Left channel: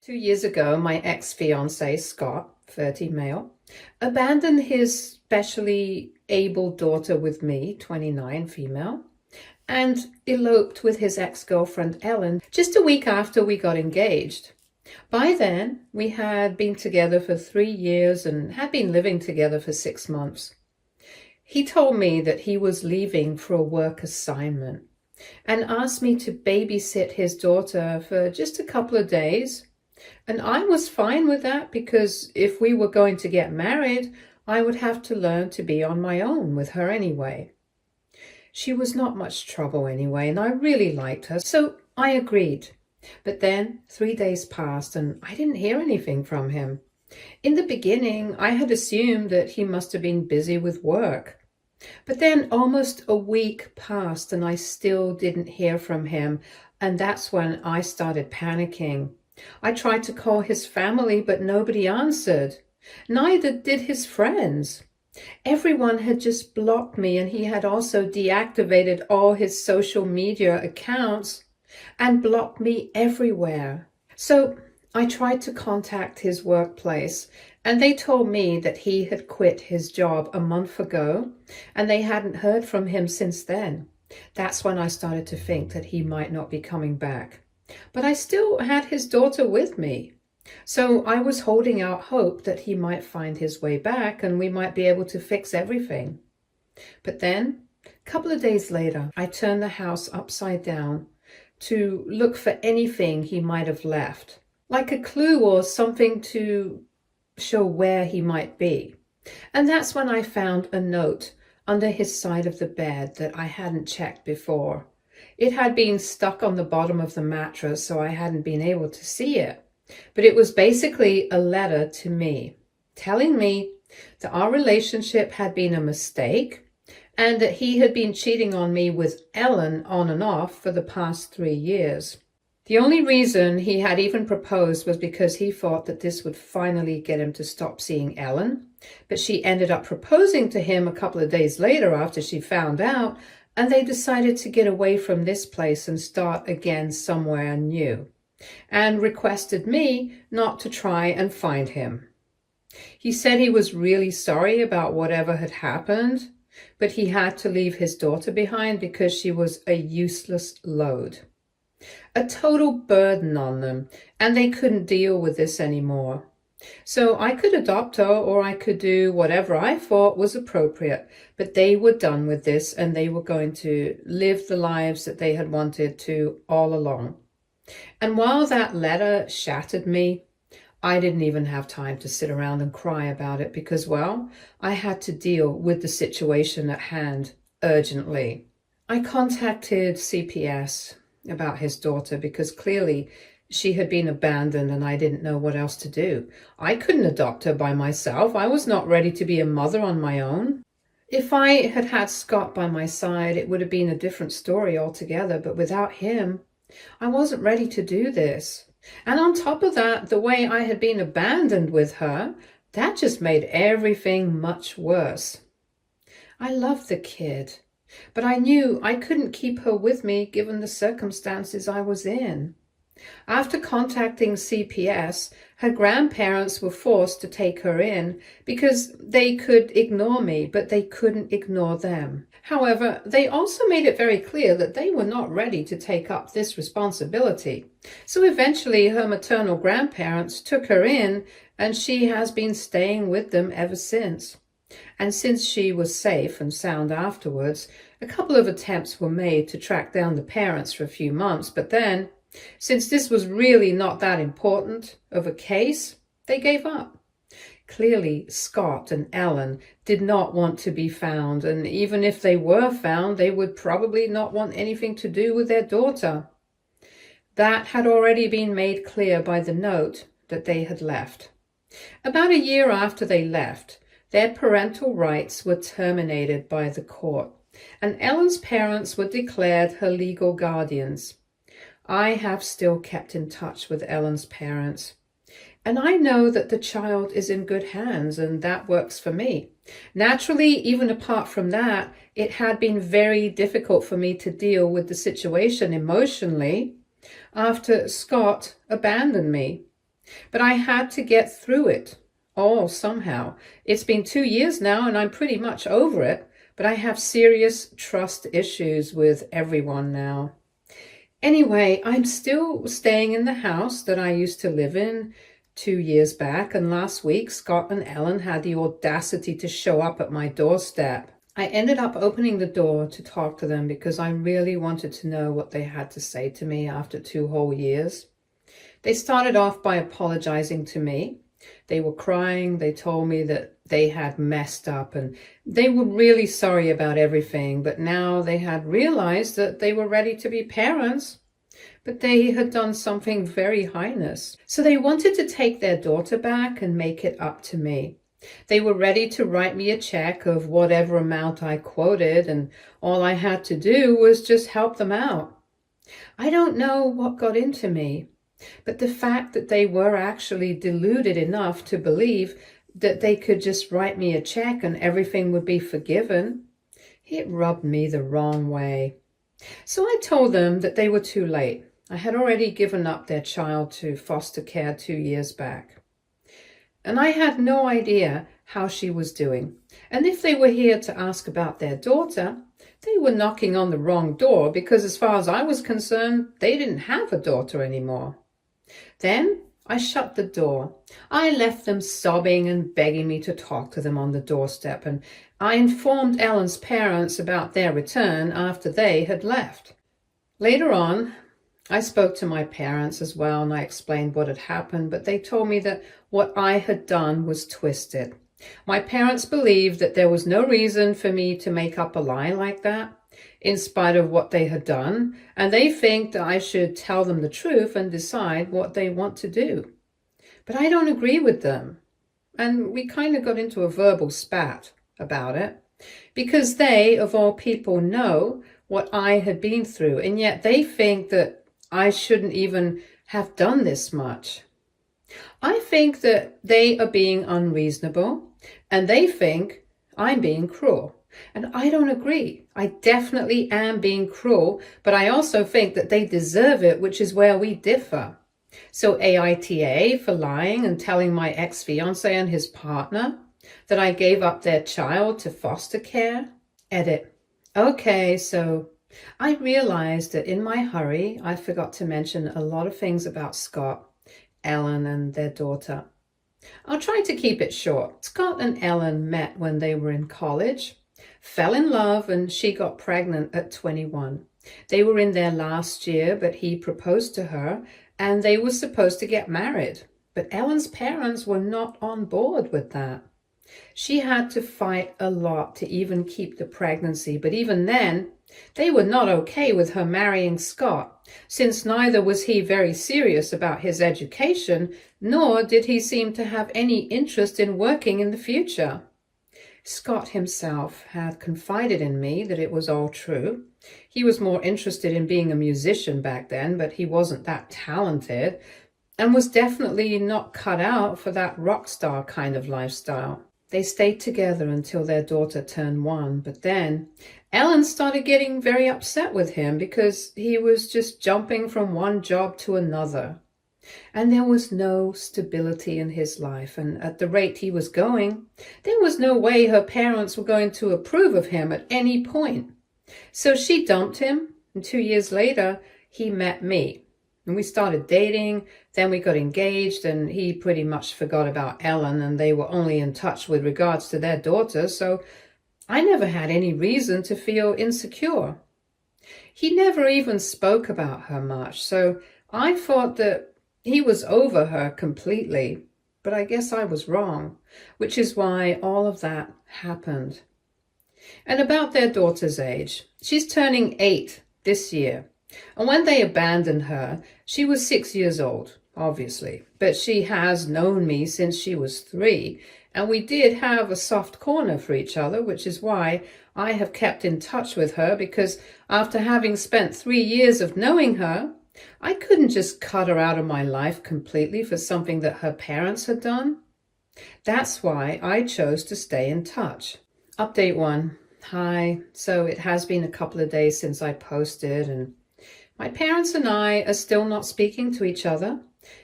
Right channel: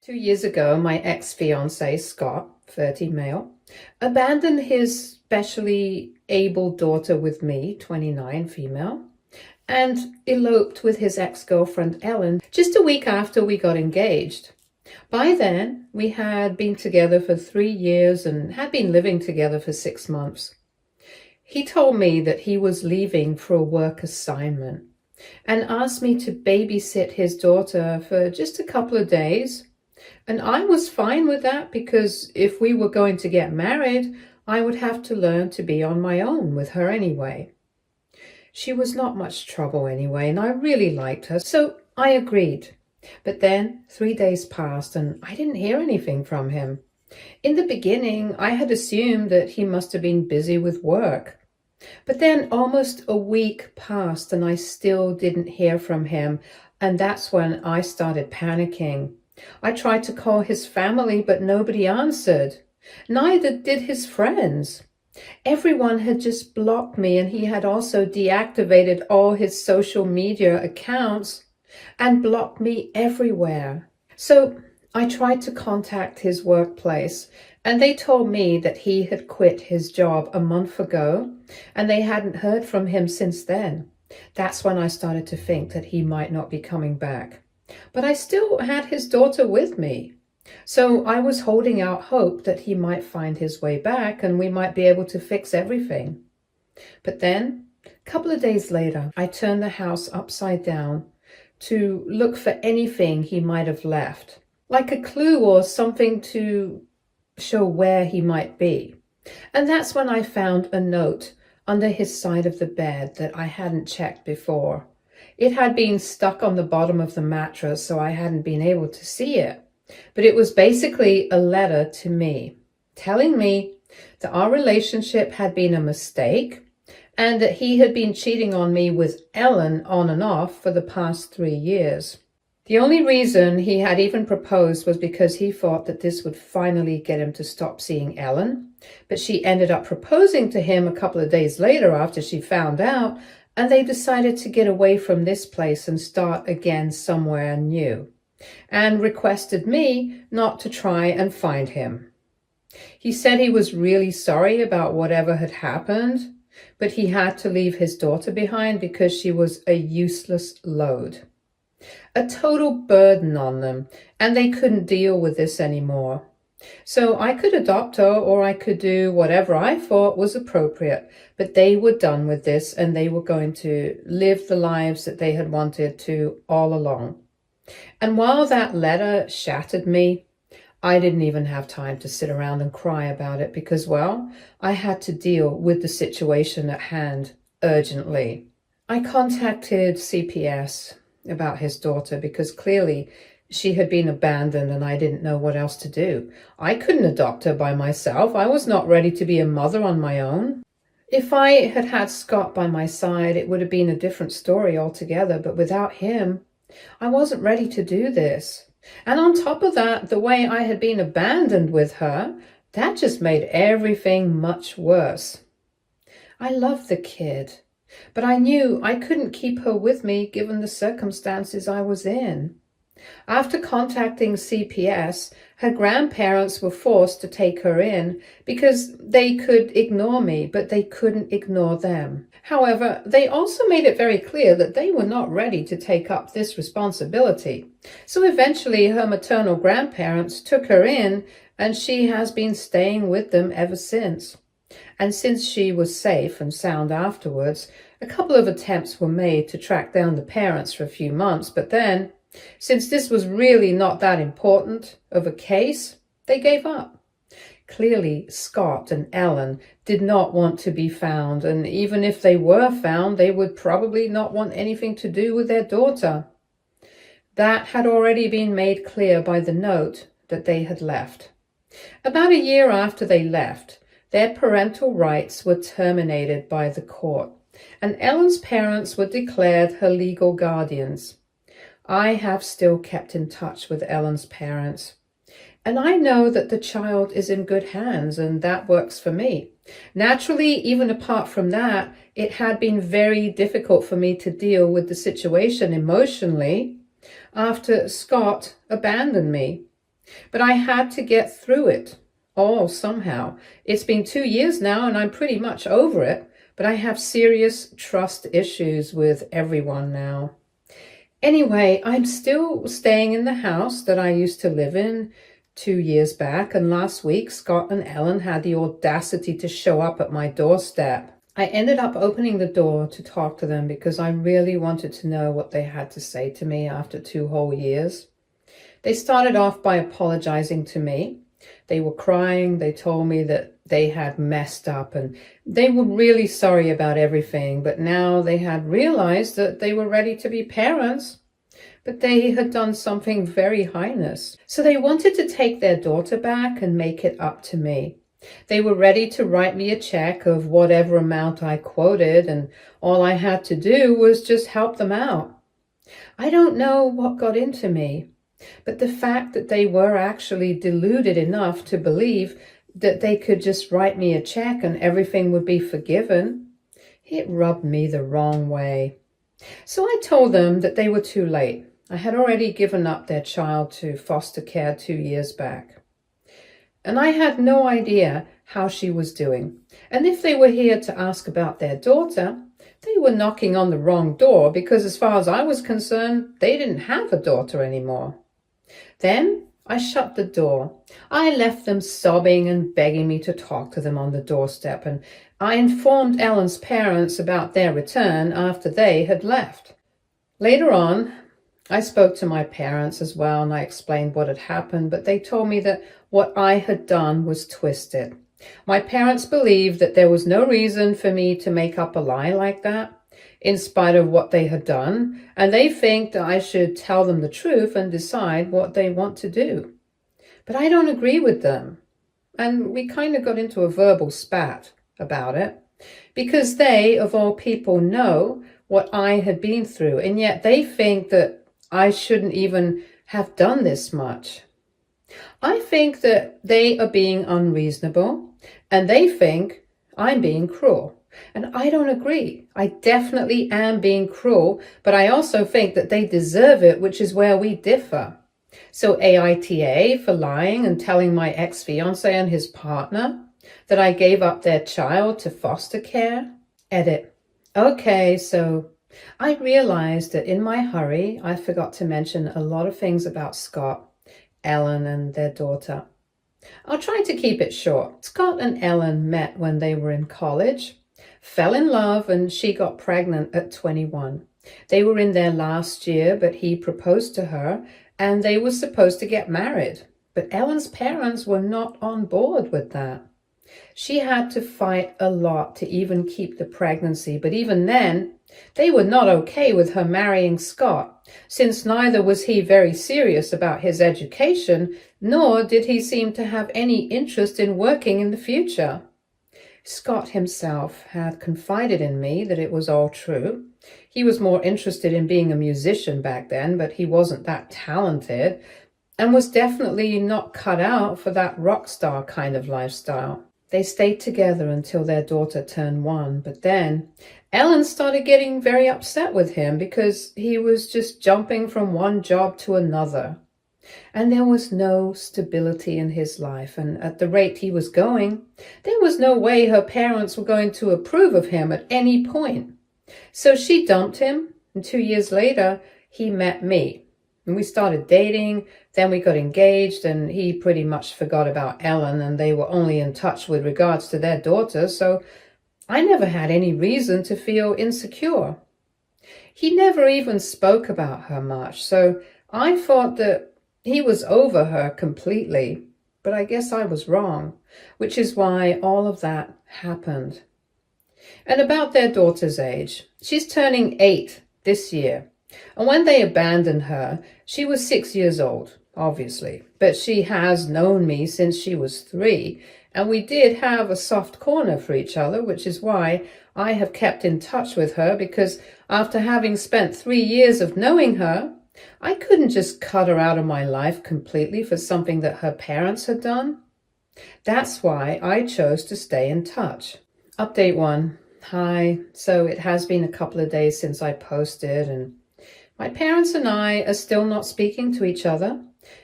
2 years ago, my ex-fiancé, Scott, 30 male, abandoned his specially able daughter with me, 29 female, and eloped with his ex-girlfriend, Ellen, just a week after we got engaged. By then, we had been together for 3 years and had been living together for 6 months. He told me that he was leaving for a work assignment and asked me to babysit his daughter for just a couple of days. And I was fine with that because if we were going to get married, I would have to learn to be on my own with her anyway. She was not much trouble anyway, and I really liked her, so I agreed. But then 3 days passed and I didn't hear anything from him. In the beginning, I had assumed that he must have been busy with work. But then almost a week passed and I still didn't hear from him, and that's when I started panicking. I tried to call his family, but nobody answered. Neither did his friends. Everyone had just blocked me, and he had also deactivated all his social media accounts and blocked me everywhere. So I tried to contact his workplace, and they told me that he had quit his job a month ago, and they hadn't heard from him since then. That's when I started to think that he might not be coming back. But I still had his daughter with me. So I was holding out hope that he might find his way back and we might be able to fix everything. But then, a couple of days later, I turned the house upside down to look for anything he might have left, like a clue or something to show where he might be. And that's when I found a note under his side of the bed that I hadn't checked before. It had been stuck on the bottom of the mattress, so I hadn't been able to see it. But it was basically a letter to me, telling me that our relationship had been a mistake and that he had been cheating on me with Ellen on and off for the past 3 years. The only reason he had even proposed was because he thought that this would finally get him to stop seeing Ellen. But she ended up proposing to him a couple of days later after she found out, and they decided to get away from this place and start again somewhere new, and requested me not to try and find him. He said he was really sorry about whatever had happened, but he had to leave his daughter behind because she was a useless load, a total burden on them, and they couldn't deal with this anymore. So I could adopt her, or I could do whatever I thought was appropriate, but they were done with this and they were going to live the lives that they had wanted to all along. And while that letter shattered me, I didn't even have time to sit around and cry about it because, well, I had to deal with the situation at hand urgently. I contacted CPS about his daughter because clearly she had been abandoned and I didn't know what else to do. I couldn't adopt her by myself. I was not ready to be a mother on my own. If I had had Scott by my side, it would have been a different story altogether. But without him, I wasn't ready to do this. And on top of that, the way I had been abandoned with her, that just made everything much worse. I loved the kid, but I knew I couldn't keep her with me given the circumstances I was in. After contacting CPS, her grandparents were forced to take her in because they could ignore me, but they couldn't ignore them. However, they also made it very clear that they were not ready to take up this responsibility. So eventually her maternal grandparents took her in, and she has been staying with them ever since. And since she was safe and sound afterwards, a couple of attempts were made to track down the parents for a few months, but then, since this was really not that important of a case, they gave up. Clearly, Scott and Ellen did not want to be found, and even if they were found, they would probably not want anything to do with their daughter. That had already been made clear by the note that they had left. About a year after they left, their parental rights were terminated by the court, and Ellen's parents were declared her legal guardians. I have still kept in touch with Ellen's parents, and I know that the child is in good hands, and that works for me. Naturally, even apart from that, it had been very difficult for me to deal with the situation emotionally after Scott abandoned me. But I had to get through it all somehow. It's been 2 years now and I'm pretty much over it, but I have serious trust issues with everyone now. Anyway, I'm still staying in the house that I used to live in 2 years back, and last week Scott and Ellen had the audacity to show up at my doorstep. I ended up opening the door to talk to them because I really wanted to know what they had to say to me after 2 whole years. They started off by apologizing to me. They were crying. They told me that they had messed up and they were really sorry about everything, but now they had realized that they were ready to be parents, but they had done something very heinous. So they wanted to take their daughter back and make it up to me. They were ready to write me a check of whatever amount I quoted, and all I had to do was just help them out. I don't know what got into me, but the fact that they were actually deluded enough to believe that they could just write me a check and everything would be forgiven, it rubbed me the wrong way. So I told them that they were too late. I had already given up their child to foster care 2 years back. And I had no idea how she was doing. And if they were here to ask about their daughter, they were knocking on the wrong door because as far as I was concerned, they didn't have a daughter anymore. Then I shut the door. I left them sobbing and begging me to talk to them on the doorstep, and I informed Ellen's parents about their return after they had left. Later on, I spoke to my parents as well, and I explained what had happened, but they told me that what I had done was twisted. My parents believed that there was no reason for me to make up a lie like that, in spite of what they had done, and they think that I should tell them the truth and decide what they want to do. But I don't agree with them. And we kind of got into a verbal spat about it, because they, of all people, know what I had been through, and yet they think that I shouldn't even have done this much. I think that they are being unreasonable, and they think I'm being cruel. And I don't agree. I definitely am being cruel, but I also think that they deserve it, which is where we differ. So AITA for lying and telling my ex-fiancé and his partner that I gave up their child to foster care. Edit. Okay, so I realized that in my hurry, I forgot to mention a lot of things about Scott, Ellen, and their daughter. I'll try to keep it short. Scott and Ellen met when they were in college, fell in love, and she got pregnant at 21. They were in their last year, but he proposed to her, and they were supposed to get married. But Ellen's parents were not on board with that. She had to fight a lot to even keep the pregnancy, but even then, they were not okay with her marrying Scott, since neither was he very serious about his education, nor did he seem to have any interest in working in the future. Scott himself had confided in me that it was all true. He was more interested in being a musician back then, but he wasn't that talented, and was definitely not cut out for that rock star kind of lifestyle. They stayed together until their daughter turned 1, but then Ellen started getting very upset with him because he was just jumping from one job to another. And there was no stability in his life, and at the rate he was going, there was no way her parents were going to approve of him at any point. So she dumped him, and 2 years later, he met me. And we started dating, then we got engaged, and he pretty much forgot about Ellen, and they were only in touch with regards to their daughter, so I never had any reason to feel insecure. He never even spoke about her much, so I thought that he was over her completely, but I guess I was wrong, which is why all of that happened. And about their daughter's age, she's turning 8 this year. And when they abandoned her, she was 6 years old, obviously. But she has known me since she was 3, and we did have a soft corner for each other, which is why I have kept in touch with her, because after having spent 3 years of knowing her, I couldn't just cut her out of my life completely for something that her parents had done. That's why I chose to stay in touch. Update 1. Hi. So it has been a couple of days since I posted, and my parents and I are still not speaking to each other.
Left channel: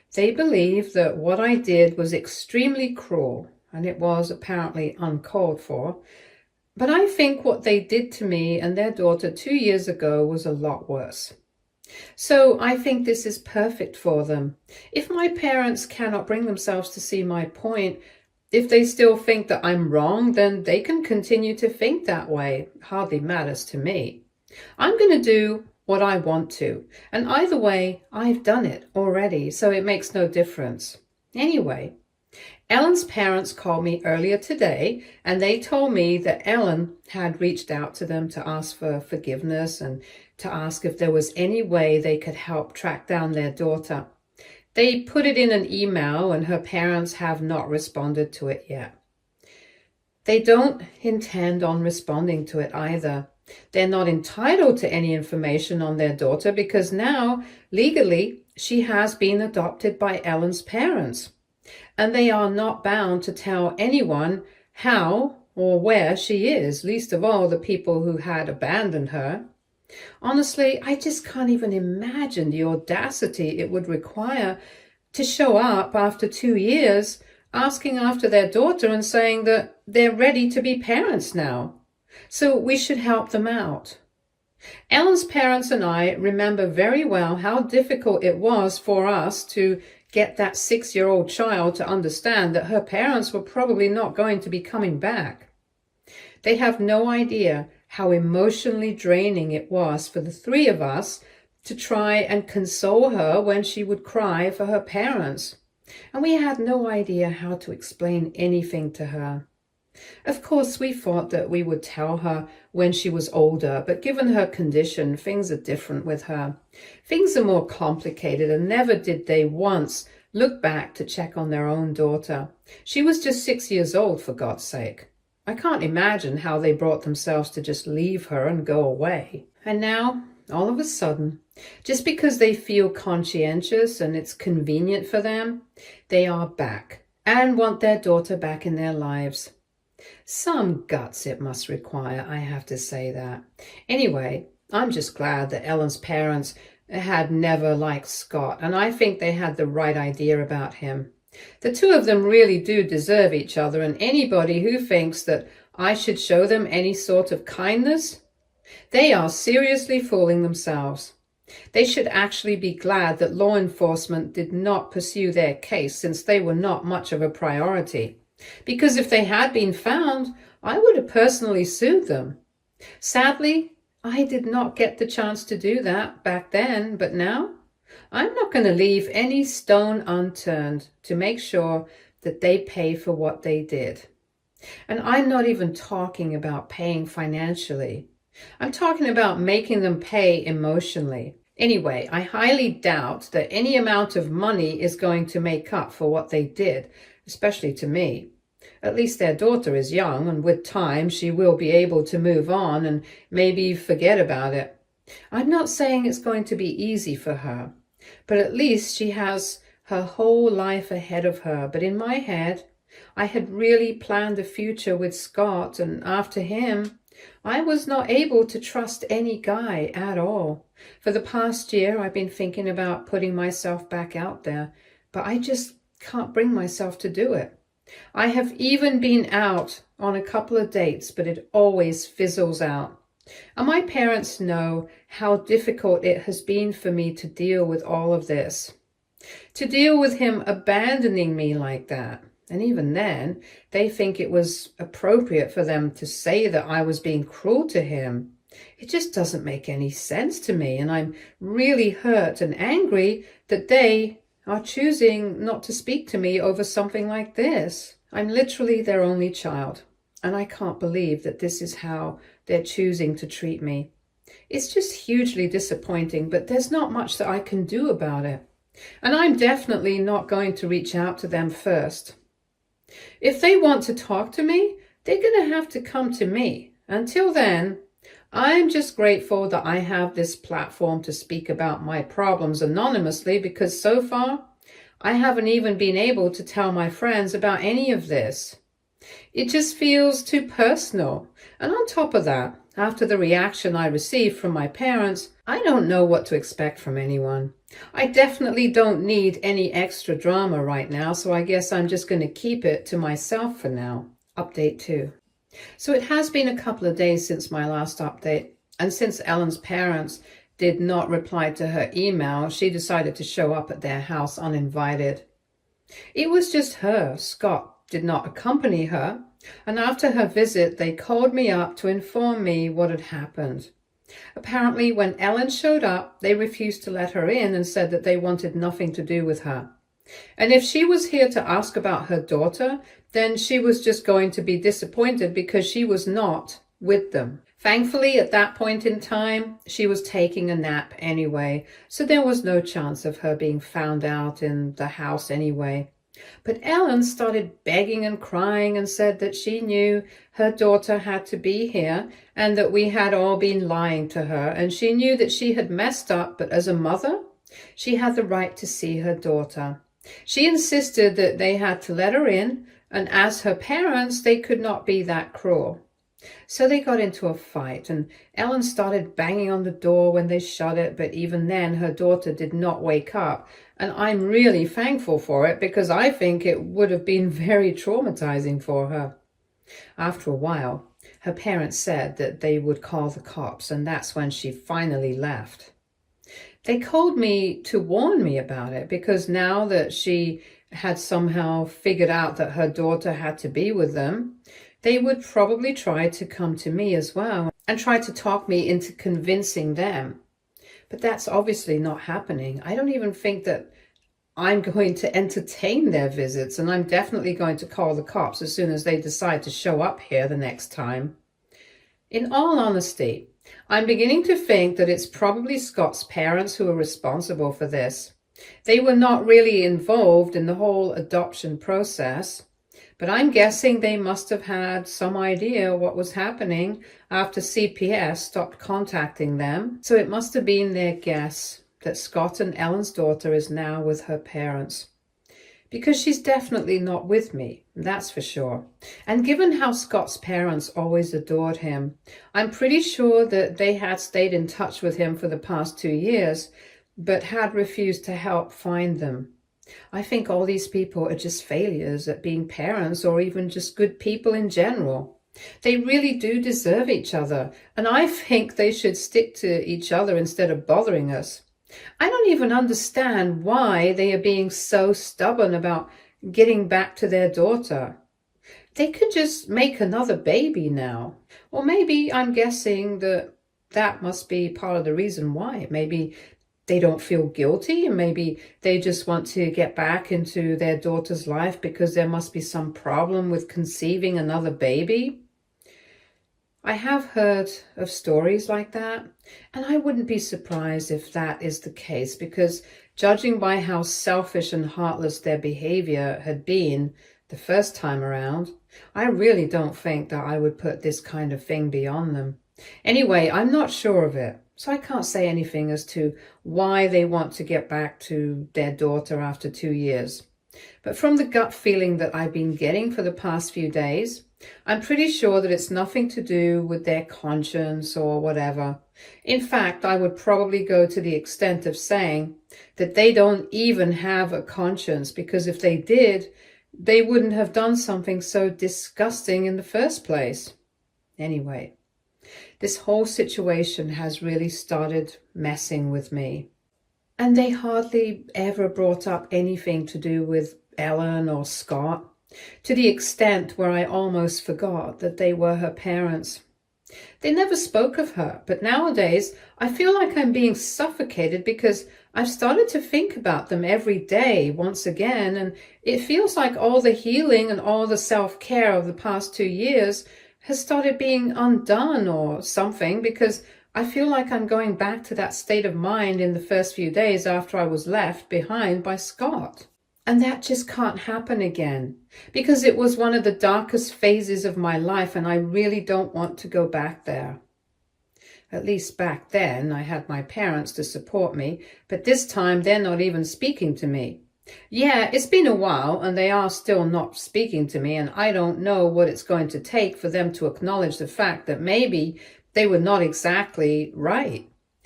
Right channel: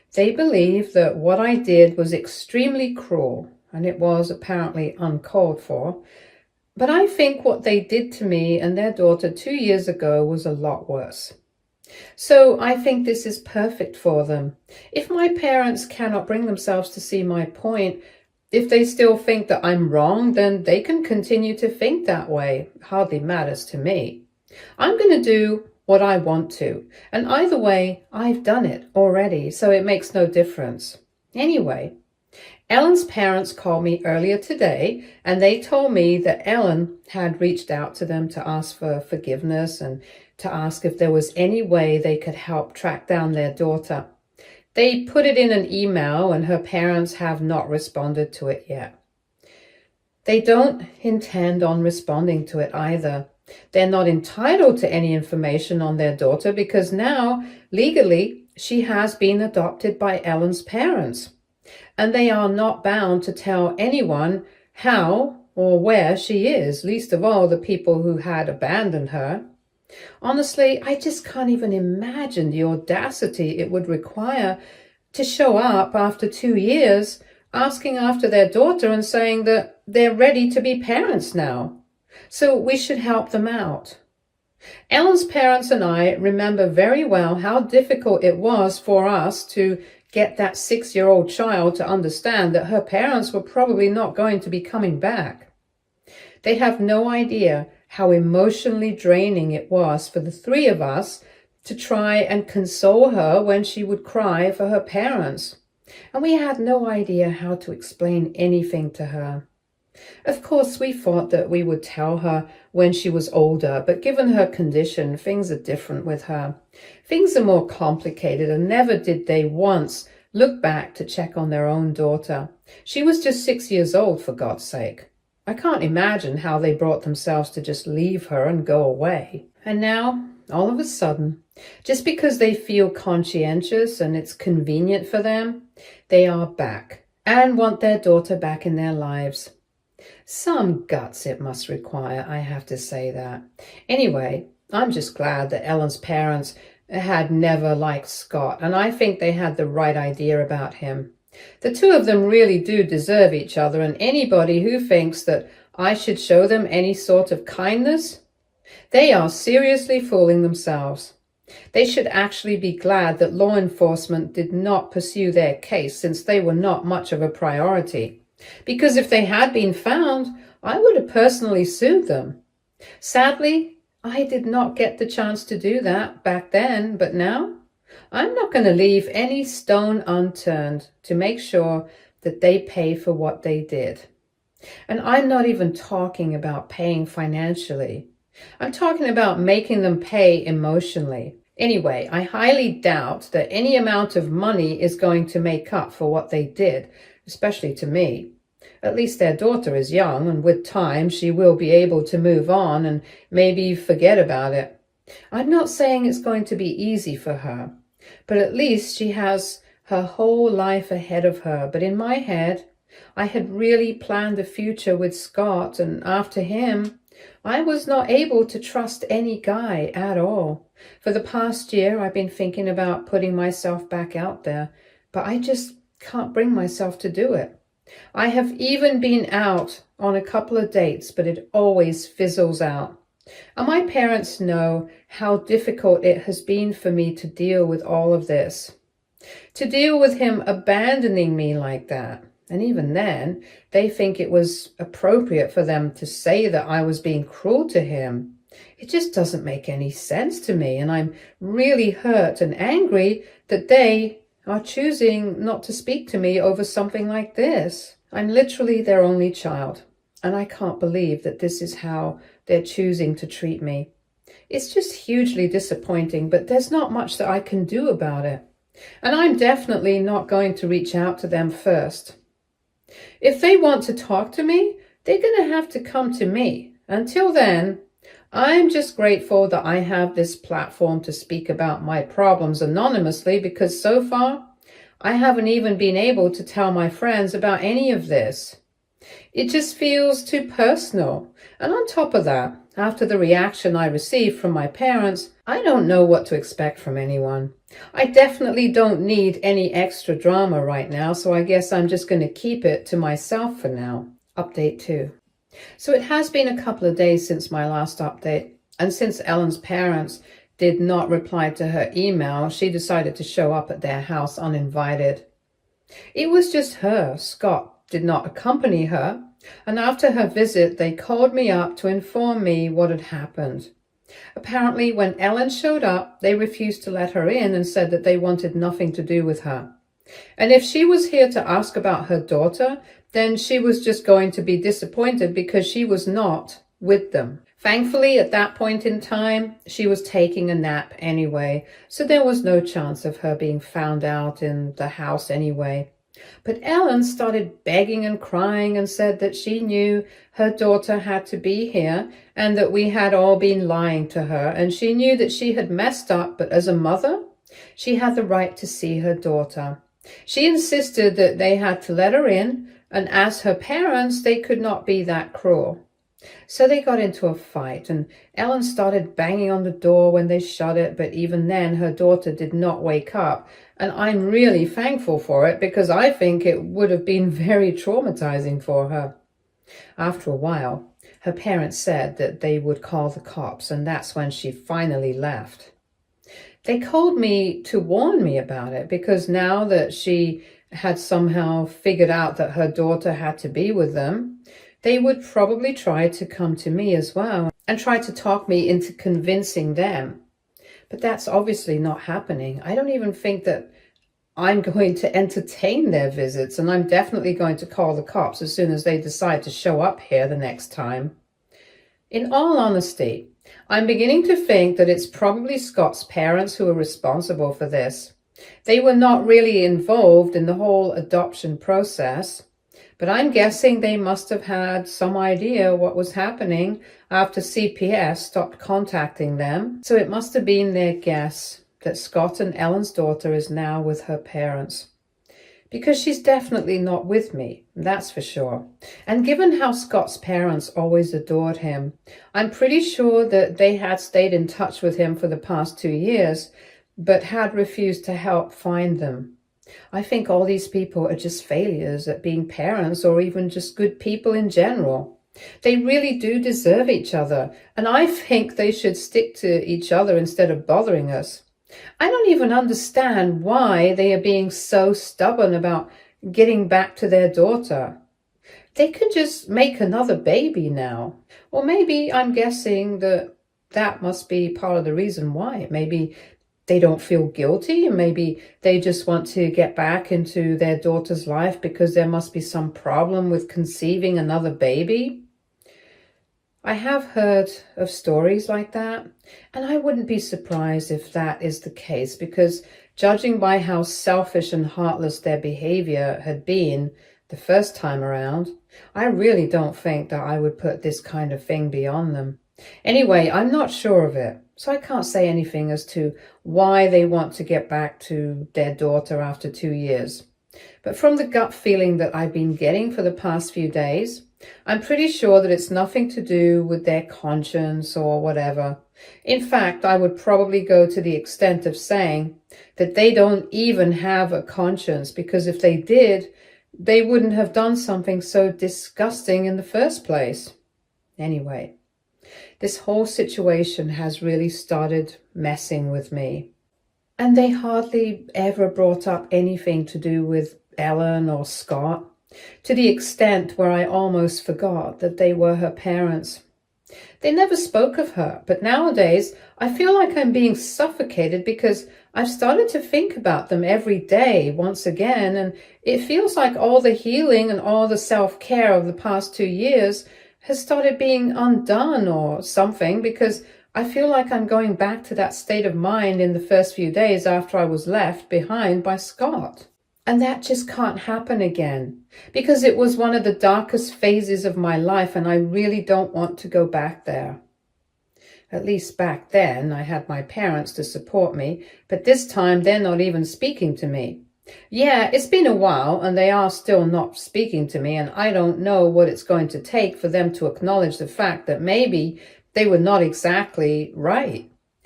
They believe that what I did was extremely cruel, and it was apparently uncalled for. But I think what they did to me and their daughter 2 years ago was a lot worse. So I think this is perfect for them. If my parents cannot bring themselves to see my point, if they still think that I'm wrong, then they can continue to think that way. It hardly matters to me. I'm going to do what I want to. And either way, I've done it already, so it makes no difference. Anyway, Ellen's parents called me earlier today, and they told me that Ellen had reached out to them to ask for forgiveness and to ask if there was any way they could help track down their daughter. They put it in an email, and her parents have not responded to it yet. They don't intend on responding to it either. They're not entitled to any information on their daughter because now, legally, she has been adopted by Ellen's parents. And they are not bound to tell anyone how or where she is, least of all the people who had abandoned her. Honestly, I just can't even imagine the audacity it would require to show up after 2 years asking after their daughter and saying that they're ready to be parents now. So we should help them out. Ellen's parents and I remember very well how difficult it was for us to get that 6-year-old child to understand that her parents were probably not going to be coming back. They have no idea how emotionally draining it was for the three of us to try and console her when she would cry for her parents. And we had no idea how to explain anything to her. Of course, we thought that we would tell her when she was older, but given her condition, things are different with her. Things are more complicated, and never did they once look back to check on their own daughter. She was just 6 years old, for God's sake. I can't imagine how they brought themselves to just leave her and go away. And now, all of a sudden, just because they feel conscientious and it's convenient for them, they are back and want their daughter back in their lives. Some guts it must require, I have to say that. Anyway, I'm just glad that Ellen's parents had never liked Scott, and I think they had the right idea about him. The two of them really do deserve each other, and anybody who thinks that I should show them any sort of kindness, they are seriously fooling themselves. They should actually be glad that law enforcement did not pursue their case, since they were not much of a priority. Because if they had been found, I would have personally sued them. Sadly, I did not get the chance to do that back then, but now I'm not going to leave any stone unturned to make sure that they pay for what they did. And I'm not even talking about paying financially. I'm talking about making them pay emotionally. Anyway, I highly doubt that any amount of money is going to make up for what they did, especially to me. At least their daughter is young, and with time she will be able to move on and maybe forget about it. I'm not saying it's going to be easy for her, but at least she has her whole life ahead of her. But in my head, I had really planned a future with Scott, and after him, I was not able to trust any guy at all. For the past year, I've been thinking about putting myself back out there, but I just can't bring myself to do it. I have even been out on a couple of dates, but it always fizzles out. And my parents know how difficult it has been for me to deal with all of this. To deal with him abandoning me like that. And even then, they think it was appropriate for them to say that I was being cruel to him. It just doesn't make any sense to me, and I'm really hurt and angry that they are choosing not to speak to me over something like this. I'm literally their only child, and I can't believe that this is how they're choosing to treat me. It's just hugely disappointing, but there's not much that I can do about it. And I'm definitely not going to reach out to them first. If they want to talk to me, they're going to have to come to me. Until then, I'm just grateful that I have this platform to speak about my problems anonymously, because so far, I haven't even been able to tell my friends about any of this. It just feels too personal. And on top of that, after the reaction I received from my parents, I don't know what to expect from anyone. I definitely don't need any extra drama right now, so I guess I'm just going to keep it to myself for now. Update 2. So it has been a couple of days since my last update, and since Ellen's parents did not reply to her email, she decided to show up at their house uninvited. It was just her. Scott did not accompany her, and after her visit, they called me up to inform me what had happened. Apparently, when Ellen showed up, they refused to let her in and said that they wanted nothing to do with her. And if she was here to ask about her daughter, then she was just going to be disappointed because she was not with them. Thankfully, at that point in time, she was taking a nap anyway, so there was no chance of her being found out in the house anyway. But Ellen started begging and crying and said that she knew her daughter had to be here and that we had all been lying to her, and she knew that she had messed up, but as a mother, she had the right to see her daughter. She insisted that they had to let her in, and as her parents, they could not be that cruel. So they got into a fight, and Ellen started banging on the door when they shut it, but even then her daughter did not wake up. And I'm really thankful for it because I think it would have been very traumatizing for her. After a while, her parents said that they would call the cops, and that's when she finally left. They called me to warn me about it because now that she had somehow figured out that her daughter had to be with them, they would probably try to come to me as well and try to talk me into convincing them. But that's obviously not happening. I don't even think that I'm going to entertain their visits, and I'm definitely going to call the cops as soon as they decide to show up here the next time. In all honesty, I'm beginning to think that it's probably Scott's parents who are responsible for this. They were not really involved in the whole adoption process, but I'm guessing they must have had some idea what was happening after CPS stopped contacting them. So it must have been their guess that Scott and Ellen's daughter is now with her parents. Because she's definitely not with me, that's for sure. And given how Scott's parents always adored him, I'm pretty sure that they had stayed in touch with him for the past 2 years, but had refused to help find them. I think all these people are just failures at being parents or even just good people in general. They really do deserve each other, and I think they should stick to each other instead of bothering us. I don't even understand why they are being so stubborn about getting back to their daughter. They could just make another baby now. Or maybe I'm guessing that that must be part of the reason why. Maybe they don't feel guilty, and maybe they just want to get back into their daughter's life because there must be some problem with conceiving another baby. I have heard of stories like that, and I wouldn't be surprised if that is the case, because judging by how selfish and heartless their behavior had been the first time around, I really don't think that I would put this kind of thing beyond them. Anyway, I'm not sure of it, so I can't say anything as to why they want to get back to their daughter after 2 years. But from the gut feeling that I've been getting for the past few days, I'm pretty sure that it's nothing to do with their conscience or whatever. In fact, I would probably go to the extent of saying that they don't even have a conscience, because if they did, they wouldn't have done something so disgusting in the first place. Anyway, this whole situation has really started messing with me. And they hardly ever brought up anything to do with Ellen or Scott, to the extent where I almost forgot that they were her parents. They never spoke of her, but nowadays I feel like I'm being suffocated because I've started to think about them every day once again, and it feels like all the healing and all the self-care of the past 2 years has started being undone or something, because I feel like I'm going back to that state of mind in the first few days after I was left behind by Scott. And that just can't happen again, because it was one of the darkest phases of my life, and I really don't want to go back there. At least back then I had my parents to support me, but this time they're not even speaking to me. Yeah, it's been a while and they are still not speaking to me, and I don't know what it's going to take for them to acknowledge the fact that maybe they were not exactly right.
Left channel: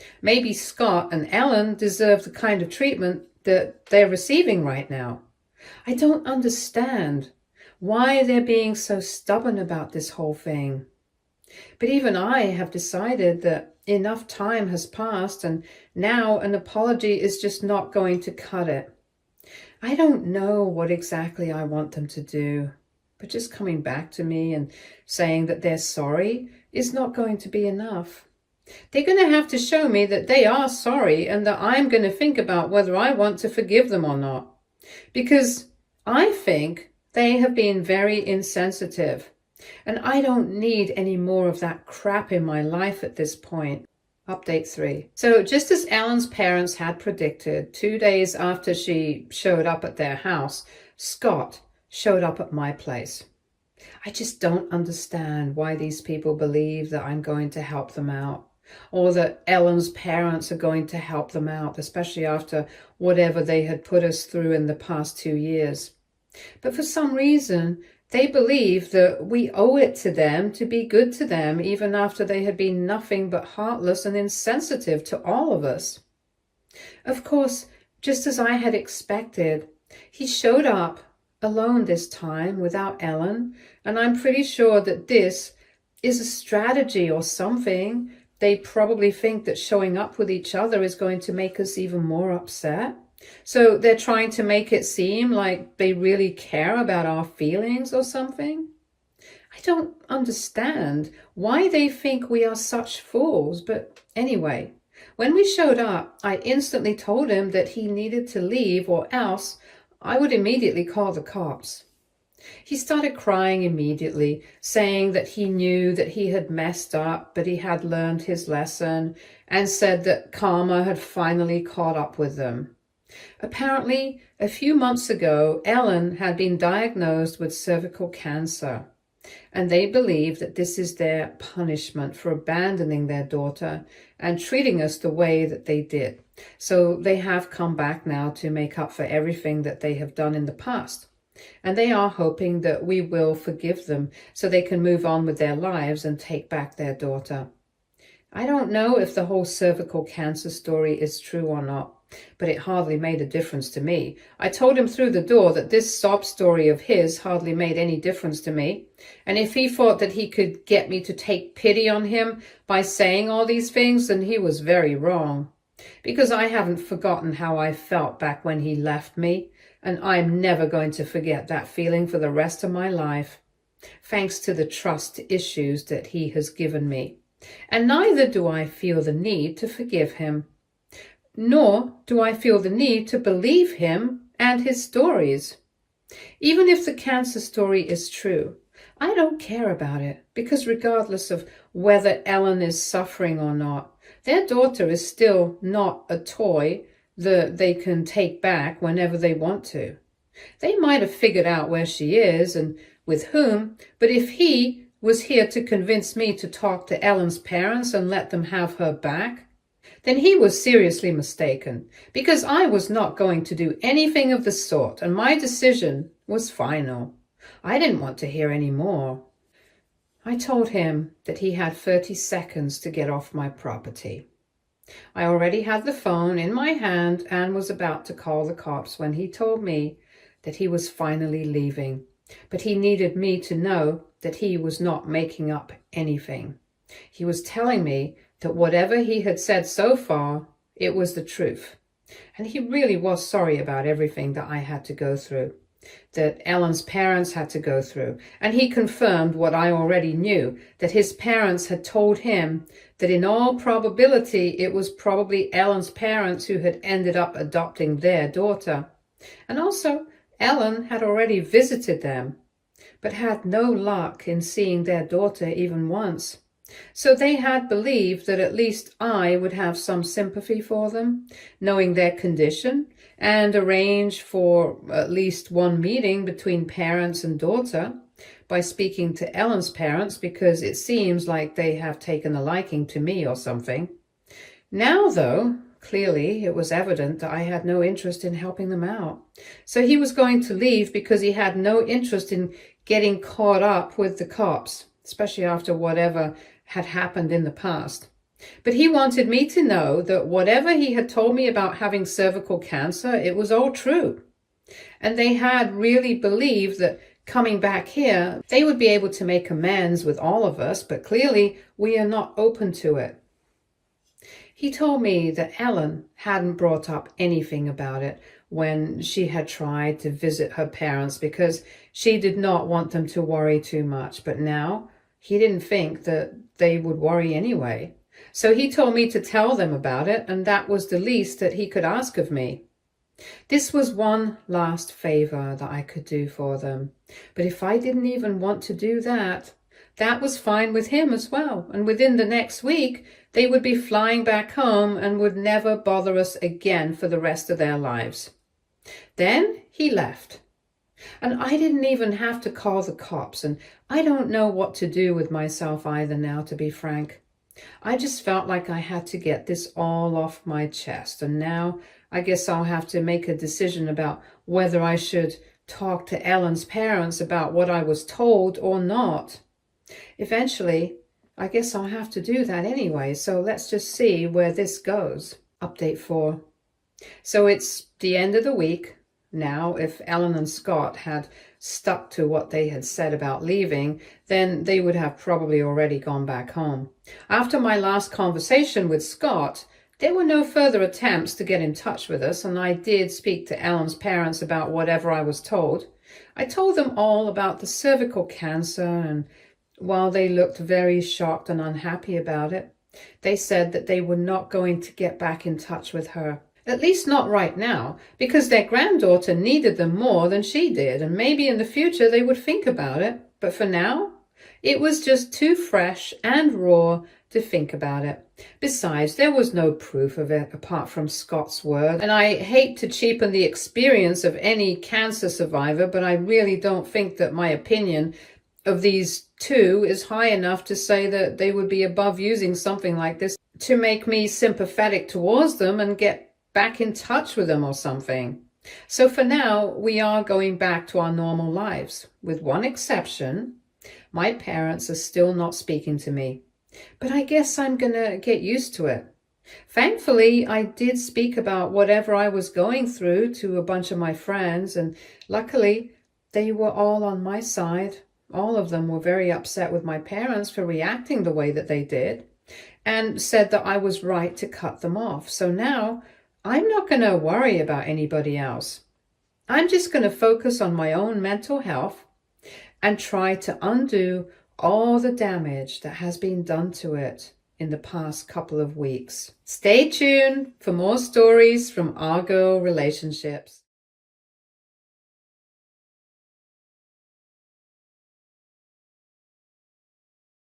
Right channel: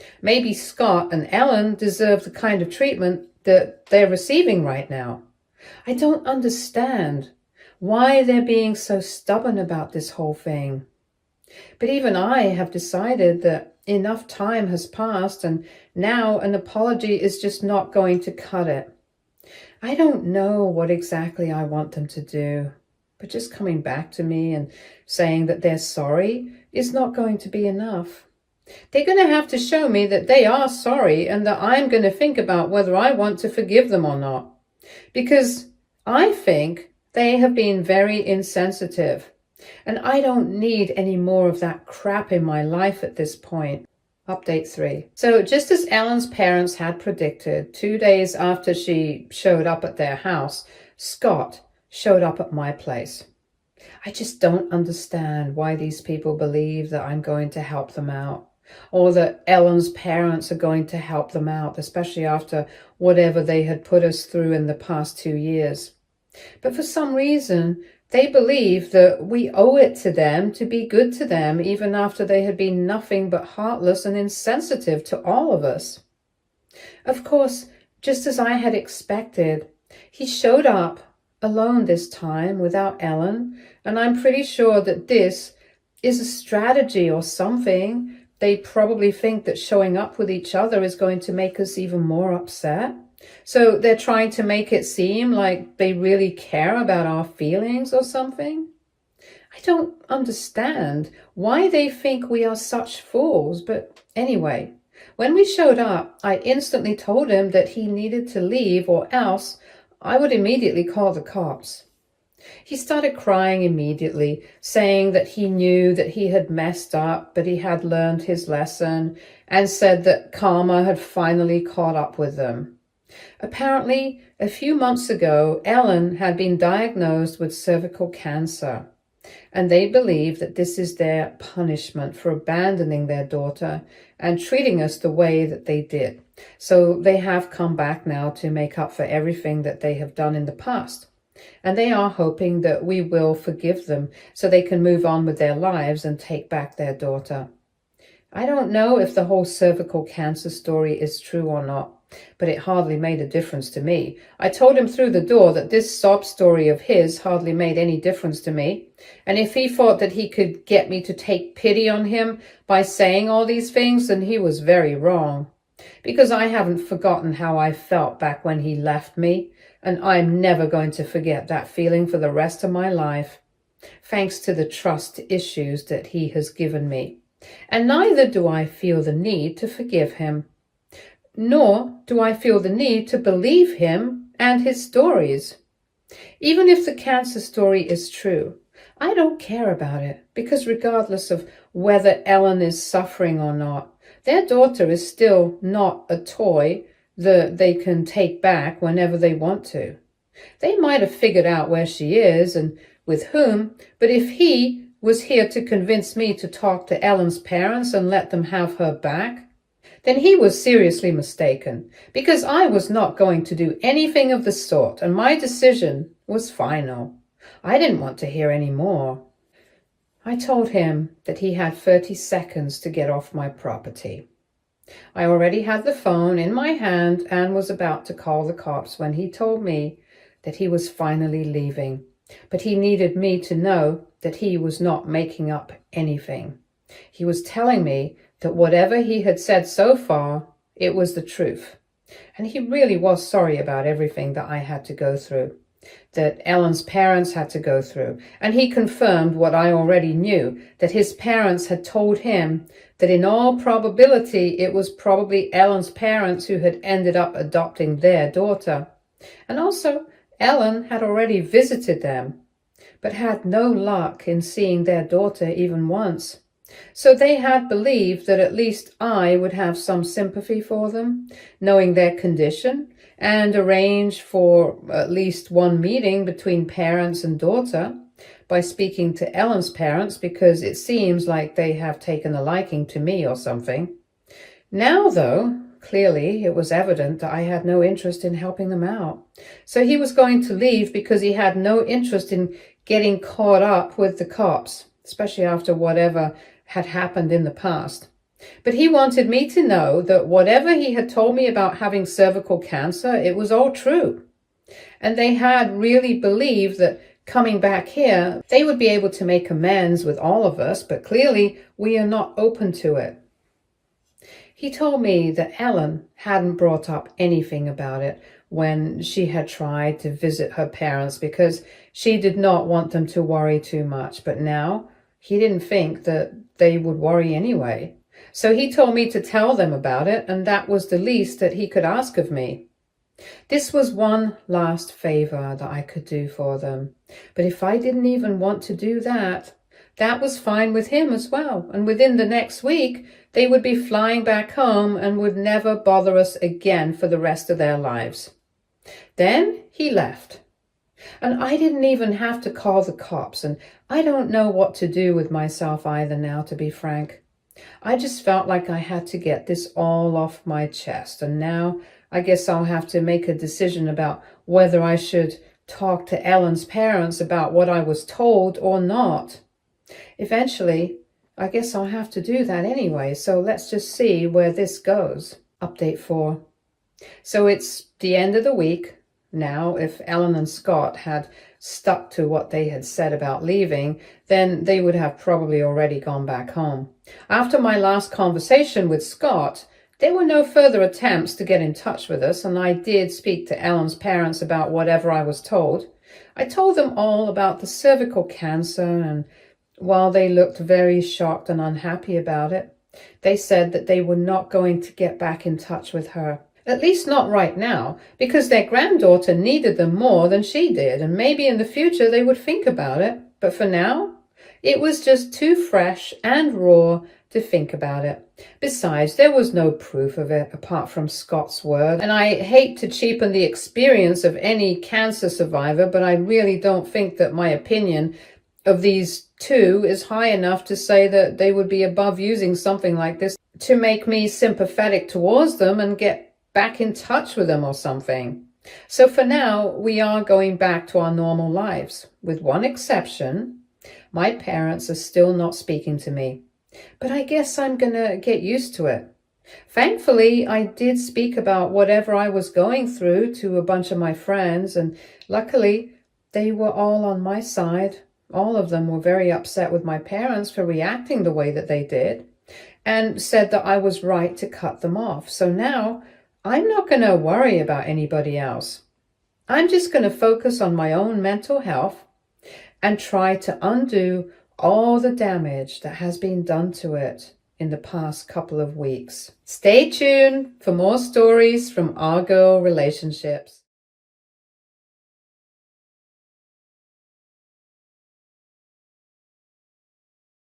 Maybe Scott and Ellen deserve the kind of treatment that they're receiving right now. I don't understand why they're being so stubborn about this whole thing. But even I have decided that enough time has passed and now an apology is just not going to cut it. I don't know what exactly I want them to do, but just coming back to me and saying that they're sorry is not going to be enough. They're going to have to show me that they are sorry and that I'm going to think about whether I want to forgive them or not. Because I think they have been very insensitive. And I don't need any more of that crap in my life at this point. Update 3. So just as Ellen's parents had predicted, 2 days after she showed up at their house, Scott showed up at my place. I just don't understand why these people believe that I'm going to help them out, or that Ellen's parents are going to help them out, especially after whatever they had put us through in the past 2 years. But for some reason, they believe that we owe it to them to be good to them, even after they had been nothing but heartless and insensitive to all of us. Of course, just as I had expected, he showed up alone this time without Ellen, and I'm pretty sure that this is a strategy or something. They probably think that showing up with each other is going to make us even more upset. So they're trying to make it seem like they really care about our feelings or something. I don't understand why they think we are such fools, but anyway, when we showed up, I instantly told him that he needed to leave or else I would immediately call the cops. He started crying immediately, saying that he knew that he had messed up, but he had learned his lesson, and said that karma had finally caught up with them. Apparently, a few months ago, Ellen had been diagnosed with cervical cancer, and they believe that this is their punishment for abandoning their daughter and treating us the way that they did. So they have come back now to make up for everything that they have done in the past. And they are hoping that we will forgive them so they can move on with their lives and take back their daughter. I don't know if the whole cervical cancer story is true or not, but it hardly made a difference to me. I told him through the door that this sob story of his hardly made any difference to me. And if he thought that he could get me to take pity on him by saying all these things, then he was very wrong. Because I haven't forgotten how I felt back when he left me, and I'm never going to forget that feeling for the rest of my life, thanks to the trust issues that he has given me. And neither do I feel the need to forgive him. Nor do I feel the need to believe him and his stories. Even if the cancer story is true, I don't care about it, because regardless of whether Ellen is suffering or not, their daughter is still not a toy that they can take back whenever they want to. They might have figured out where she is and with whom, but if he was here to convince me to talk to Ellen's parents and let them have her back, then he was seriously mistaken, because I was not going to do anything of the sort, and my decision was final. I didn't want to hear any more. I told him that he had 30 seconds to get off my property. I already had the phone in my hand and was about to call the cops when he told me that he was finally leaving, but he needed me to know that he was not making up anything. He was telling me that whatever he had said so far, it was the truth. And he really was sorry about everything that I had to go through, that Ellen's parents had to go through. And he confirmed what I already knew, that his parents had told him that in all probability, it was probably Ellen's parents who had ended up adopting their daughter. And also, Ellen had already visited them, but had no luck in seeing their daughter even once. So they had believed that at least I would have some sympathy for them, knowing their condition, and arrange for at least one meeting between parents and daughter by speaking to Ellen's parents, because it seems like they have taken a liking to me or something. Now, though, clearly it was evident that I had no interest in helping them out. So he was going to leave because he had no interest in getting caught up with the cops, especially after whatever had happened in the past. But he wanted me to know that whatever he had told me about having cervical cancer, it was all true. And they had really believed that coming back here, they would be able to make amends with all of us, but clearly we are not open to it. He told me that Ellen hadn't brought up anything about it when she had tried to visit her parents because she did not want them to worry too much. But now he didn't think that they would worry anyway. So he told me to tell them about it, and that was the least that he could ask of me. This was one last favor that I could do for them. But if I didn't even want to do that, that was fine with him as well. And within the next week, they would be flying back home and would never bother us again for the rest of their lives. Then he left. And I didn't even have to call the cops. And I don't know what to do with myself either now, to be frank. I just felt like I had to get this all off my chest. And now I guess I'll have to make a decision about whether I should talk to Ellen's parents about what I was told or not. Eventually, I guess I'll have to do that anyway. So let's just see where this goes. Update 4. So it's the end of the week. Now, if Ellen and Scott had stuck to what they had said about leaving, then they would have probably already gone back home. After my last conversation with Scott, there were no further attempts to get in touch with us, and I did speak to Ellen's parents about whatever I was told. I told them all about the cervical cancer, and while they looked very shocked and unhappy about it, they said that they were not going to get back in touch with her. At least not right now, because their granddaughter needed them more than she did, and maybe in the future they would think about it. But for now, it was just too fresh and raw to think about it. Besides, there was no proof of it apart from Scott's word, and I hate to cheapen the experience of any cancer survivor, but I really don't think that my opinion of these two is high enough to say that they would be above using something like this to make me sympathetic towards them and get back in touch with them or something. So for now, we are going back to our normal lives. With one exception, my parents are still not speaking to me. But I guess I'm gonna get used to it. Thankfully, I did speak about whatever I was going through to a bunch of my friends, and luckily, they were all on my side. All of them were very upset with my parents for reacting the way that they did, and said that I was right to cut them off. So now, I'm not going to worry about anybody else. I'm just going to focus on my own mental health and try to undo all the damage that has been done to it in the past couple of weeks. Stay tuned for more stories from our girl relationships.